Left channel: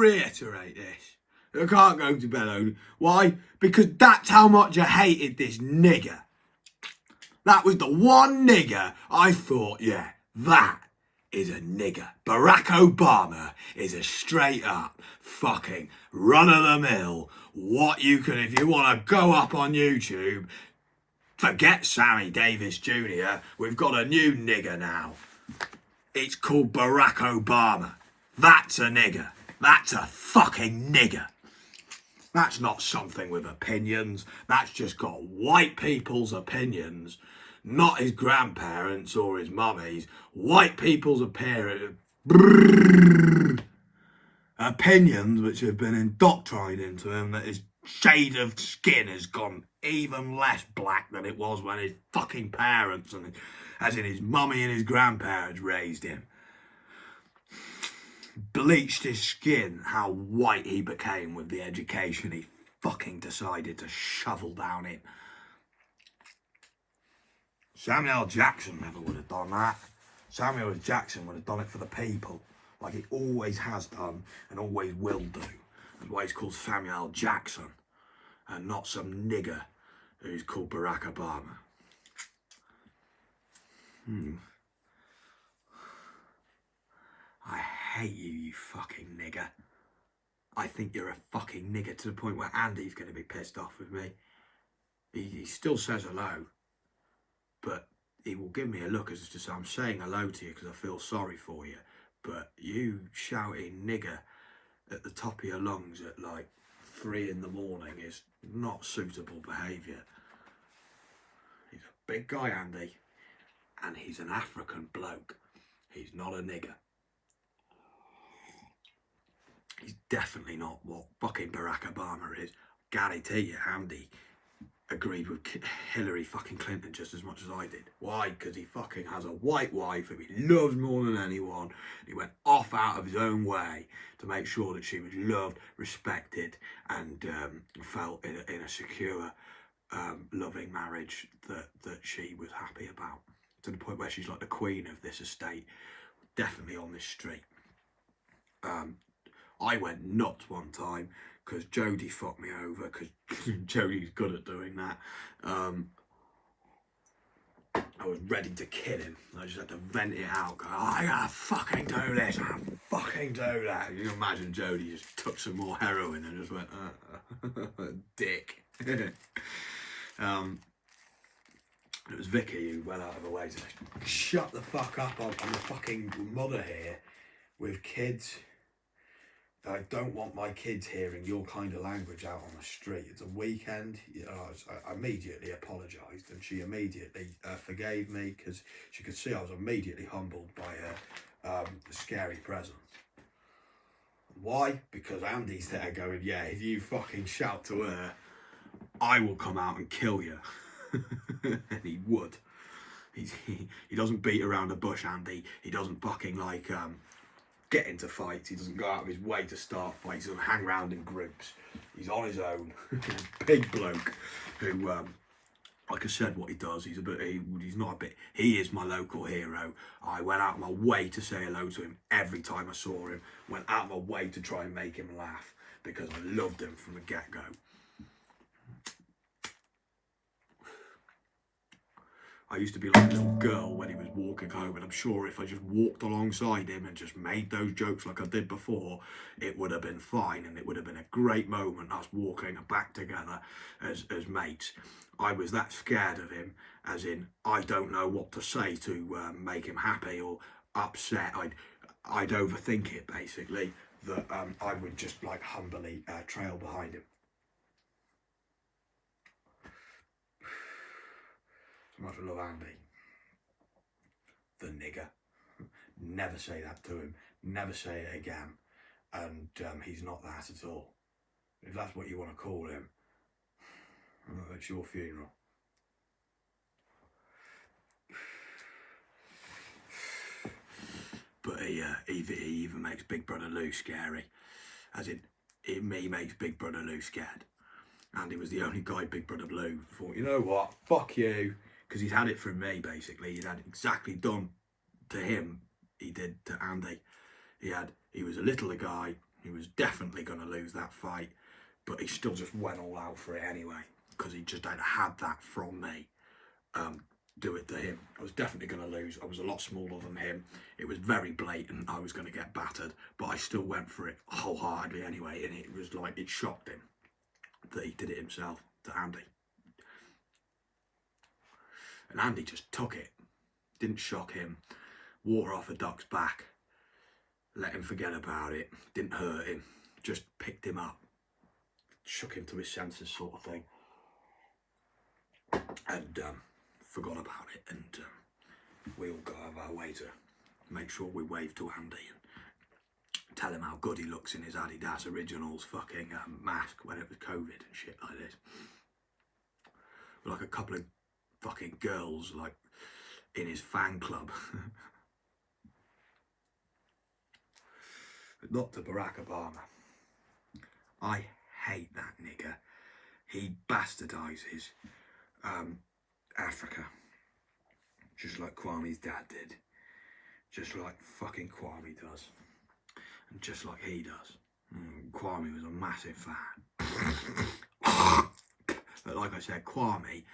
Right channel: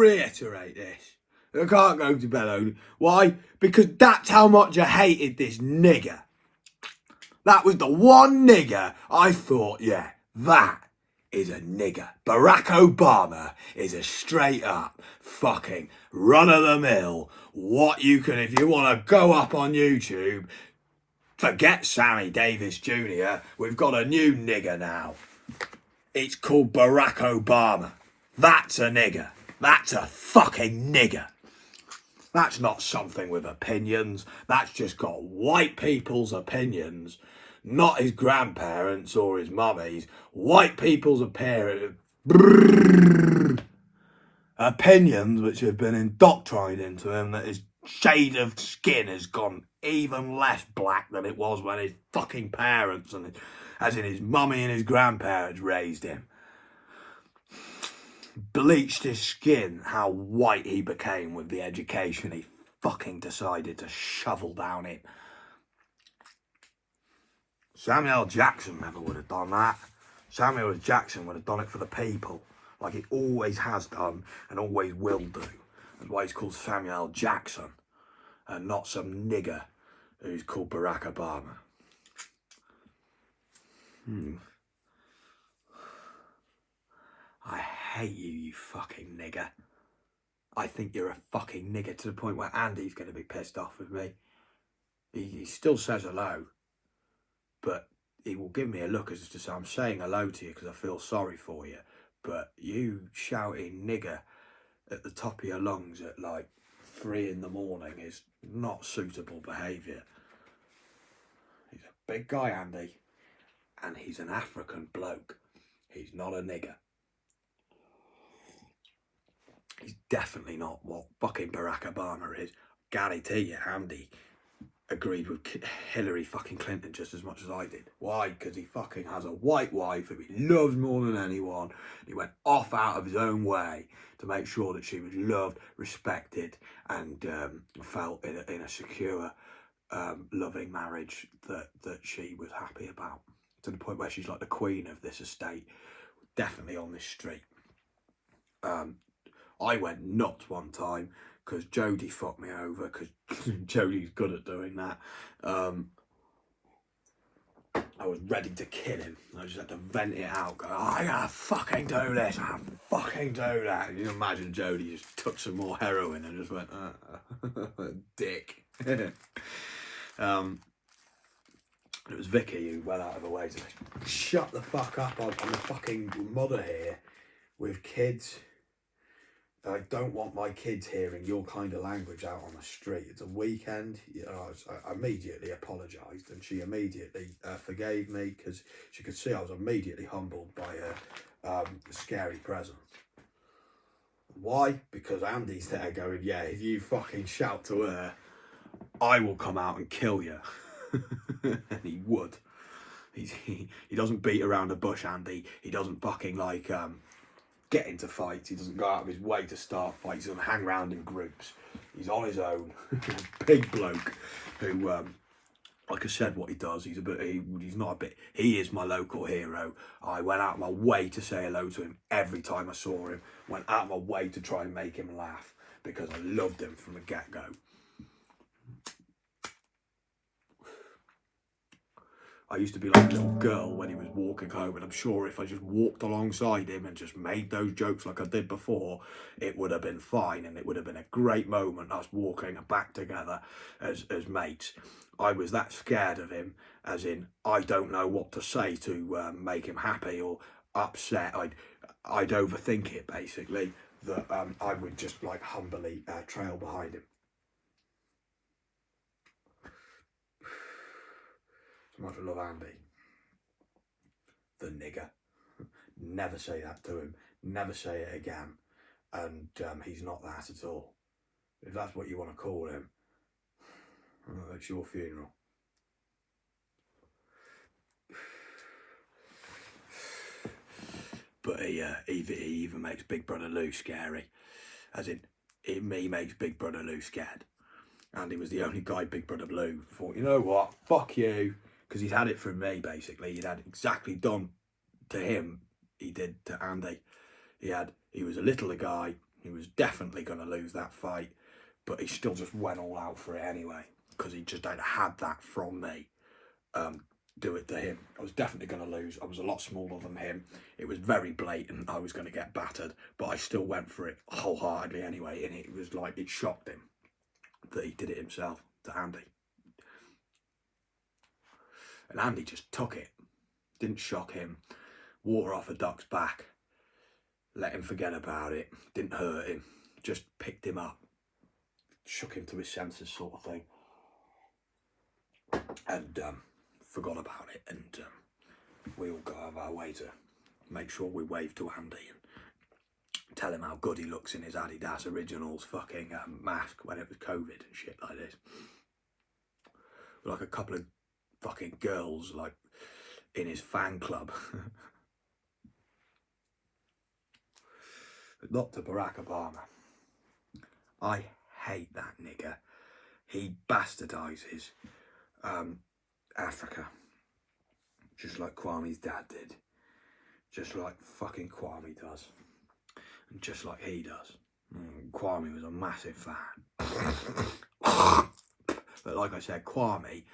reiterate this. I can't go to bed only. Why? Because that's how much I hated this nigger. That was the one nigger I thought, yeah, that is a nigger. Barack Obama is a straight up fucking run-of-the-mill. What you can, if you want to go up on YouTube, forget Sammy Davis Jr. We've got a new nigger now. It's called Barack Obama. That's a nigger. That's a fucking nigger. That's not something with opinions. That's just got white people's opinions, not his grandparents or his mummies. White people's opinions which have been indoctrinated into him, that his shade of skin has gone even less black than it was when his fucking parents, and as in his mummy and his grandparents, raised him. Bleached his skin, how white he became with the education he fucking decided to shovel down it. Samuel Jackson never would have done that. Samuel Jackson would have done it for the people, like he always has done and always will do. That's why he's called Samuel Jackson and not some nigger who's called Barack Obama. I hate you, you fucking nigger. I think you're a fucking nigger to the point where Andy's going to be pissed off with me. He still says hello, but he will give me a look as to say, I'm saying hello to you because I feel sorry for you. But you shouting nigger at the top of your lungs at like 3 in the morning is not suitable behaviour. He's a big guy, Andy, and he's an African bloke. He's not a nigger. He's definitely not what fucking Barack Obama is. Guarantee you, Andy agreed with Hillary fucking Clinton just as much as I did. Why? Because he fucking has a white wife who he loves more than anyone. He went off out of his own way to make sure that she was loved, respected, and felt in a secure, loving marriage that she was happy about. To the point where she's like the queen of this estate, definitely on this street. I went nuts one time because Jody fucked me over, because Jody's good at doing that. I was ready to kill him. I just had to vent it out. Go, I gotta fucking do this. I gotta fucking do that. You can imagine Jody just took some more heroin and just went, dick. It was Vicky who went out of the way to shut the fuck up. I'm a fucking mother here with kids. I don't want my kids hearing your kind of language out on the street. It's a weekend. I immediately apologised, and she immediately forgave me because she could see I was immediately humbled by a scary presence. Why? Because Andy's there going, yeah, if you fucking shout to her, I will come out and kill you. And he would. He doesn't beat around the bush, Andy. He doesn't fucking like get into fights. He doesn't go out of his way to start fights. He doesn't hang around in groups. He's on his own. Big bloke who, like I said, what he does, he's not a bit, he is my local hero. I went out of my way to say hello to him every time I saw him. Went out of my way to try and make him laugh because I loved him from the get-go. I used to be like a little girl when he was walking home, and I'm sure if I just walked alongside him and just made those jokes like I did before, it would have been fine, and it would have been a great moment, us walking back together as mates. I was that scared of him, as in, I don't know what to say to make him happy or upset. I'd overthink it, basically, that I would just like humbly trail behind him. Much love, Andy. The nigger. Never say that to him. Never say it again. And he's not that at all. If that's what you want to call him, it's your funeral. But he even makes Big Brother Lou scary. As in, he makes Big Brother Lou scared. And he was the only guy Big Brother Lou thought, you know what, fuck you. Because he'd had it from me, basically. He'd had it exactly done to him, he did to Andy. He was a littler guy, He was definitely going to lose that fight, but he still just went all out for it anyway, because he just had that from me. Do it to him. I was definitely going to lose. I was a lot smaller than him. It was very blatant. I was going to get battered, but I still went for it wholeheartedly anyway, and it was like, it shocked him that he did it himself to Andy. And Andy just took it. Didn't shock him. Water off a duck's back. Let him forget about it. Didn't hurt him. Just picked him up. Shook him to his senses, sort of thing. And forgot about it. And we all go out of our way to make sure we wave to Andy and tell him how good he looks in his Adidas Originals fucking mask when it was COVID and shit like this. Like a couple of fucking girls, like, in his fan club. But not to Barack Obama. I hate that nigger. He bastardizes Africa, just like Kwame's dad did, just like fucking Kwame does, and just like he does. Kwame was a massive fan. But like I said, Kwame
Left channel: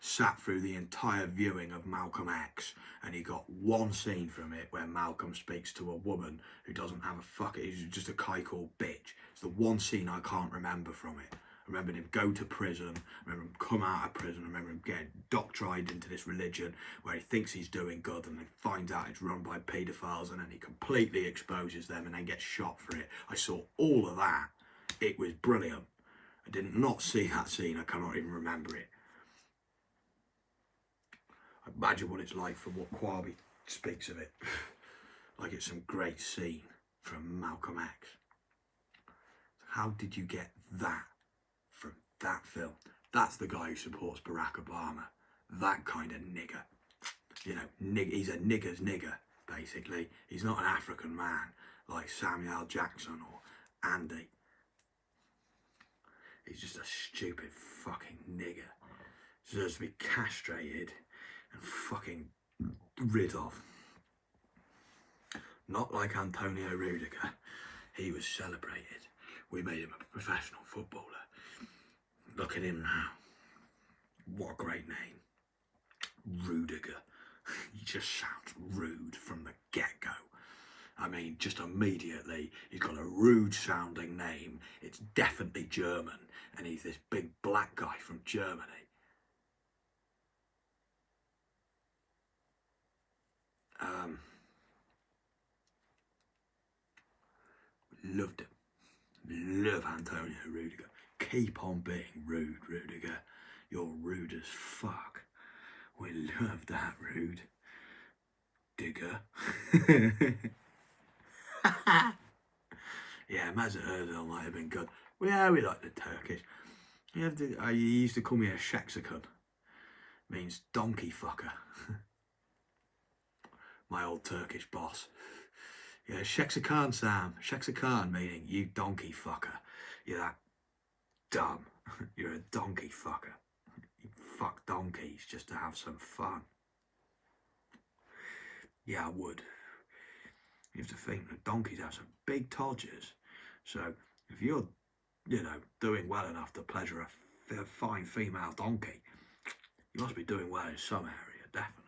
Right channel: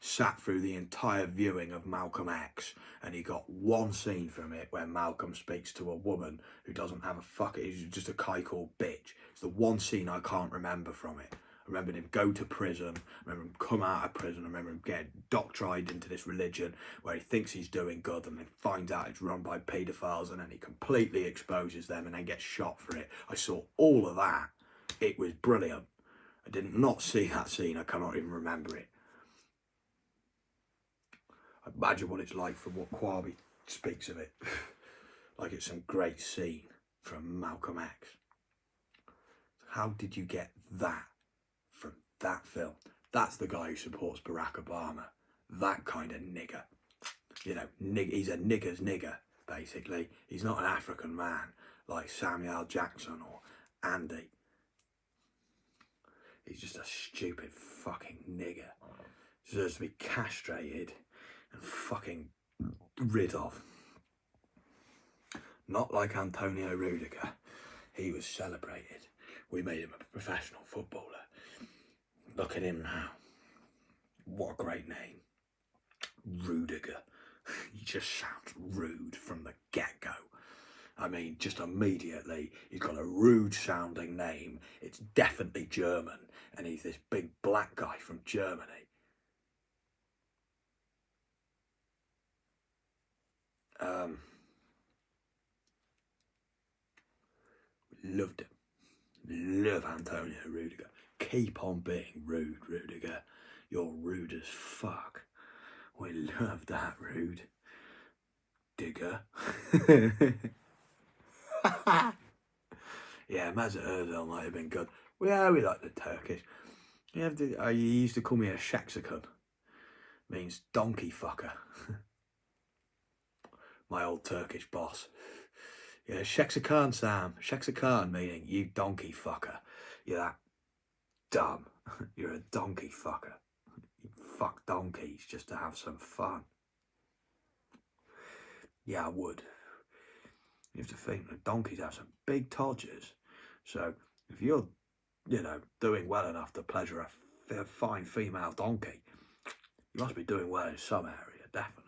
sat through the entire viewing of Malcolm X, and he got one scene from it where Malcolm speaks to a woman who doesn't have a fuck. He's just a kai-called bitch. It's the one scene I can't remember from it. I remember him go to prison. I remember him come out of prison. I remember him get doctrined into this religion where he thinks he's doing good, and he finds out it's run by paedophiles, and then he completely exposes them and then gets shot for it. I saw all of that. It was brilliant. I did not see that scene. I cannot even remember it. Imagine what it's like from what Kwame speaks of it. Like it's some great scene from Malcolm X. How did you get that from that film? That's the guy who supports Barack Obama. That kind of nigger. You know, he's a nigger's nigger, basically. He's not an African man like Samuel Jackson or Andy. He's just a stupid fucking nigger. Deserves to be castrated and fucking rid of. Not like Antonio Rudiger. He was celebrated. We made him a professional footballer. Look at him now. What a great name. Rudiger. He just sounds rude from the get-go. I mean, just immediately, he's got a rude sounding name. It's definitely German. And he's this big black guy from Germany. Loved him. Love Antonio Rudiger. Keep on being rude, Rudiger. You're rude as fuck. We love that, rude digger. Yeah, Mesut Ozil might have been good. Yeah, we like the Turkish. You used to call me a Shexicon. Means donkey fucker. My old Turkish boss. Yeah, Shexicon, Sam. Shexicon, meaning you donkey fucker. You're that dumb. You're a donkey fucker. You fuck donkeys just to have some fun. Yeah, I would. You have to think that donkeys have some big todgers. So if you're, doing well enough to pleasure a fine female donkey, you must be doing well in some area, definitely.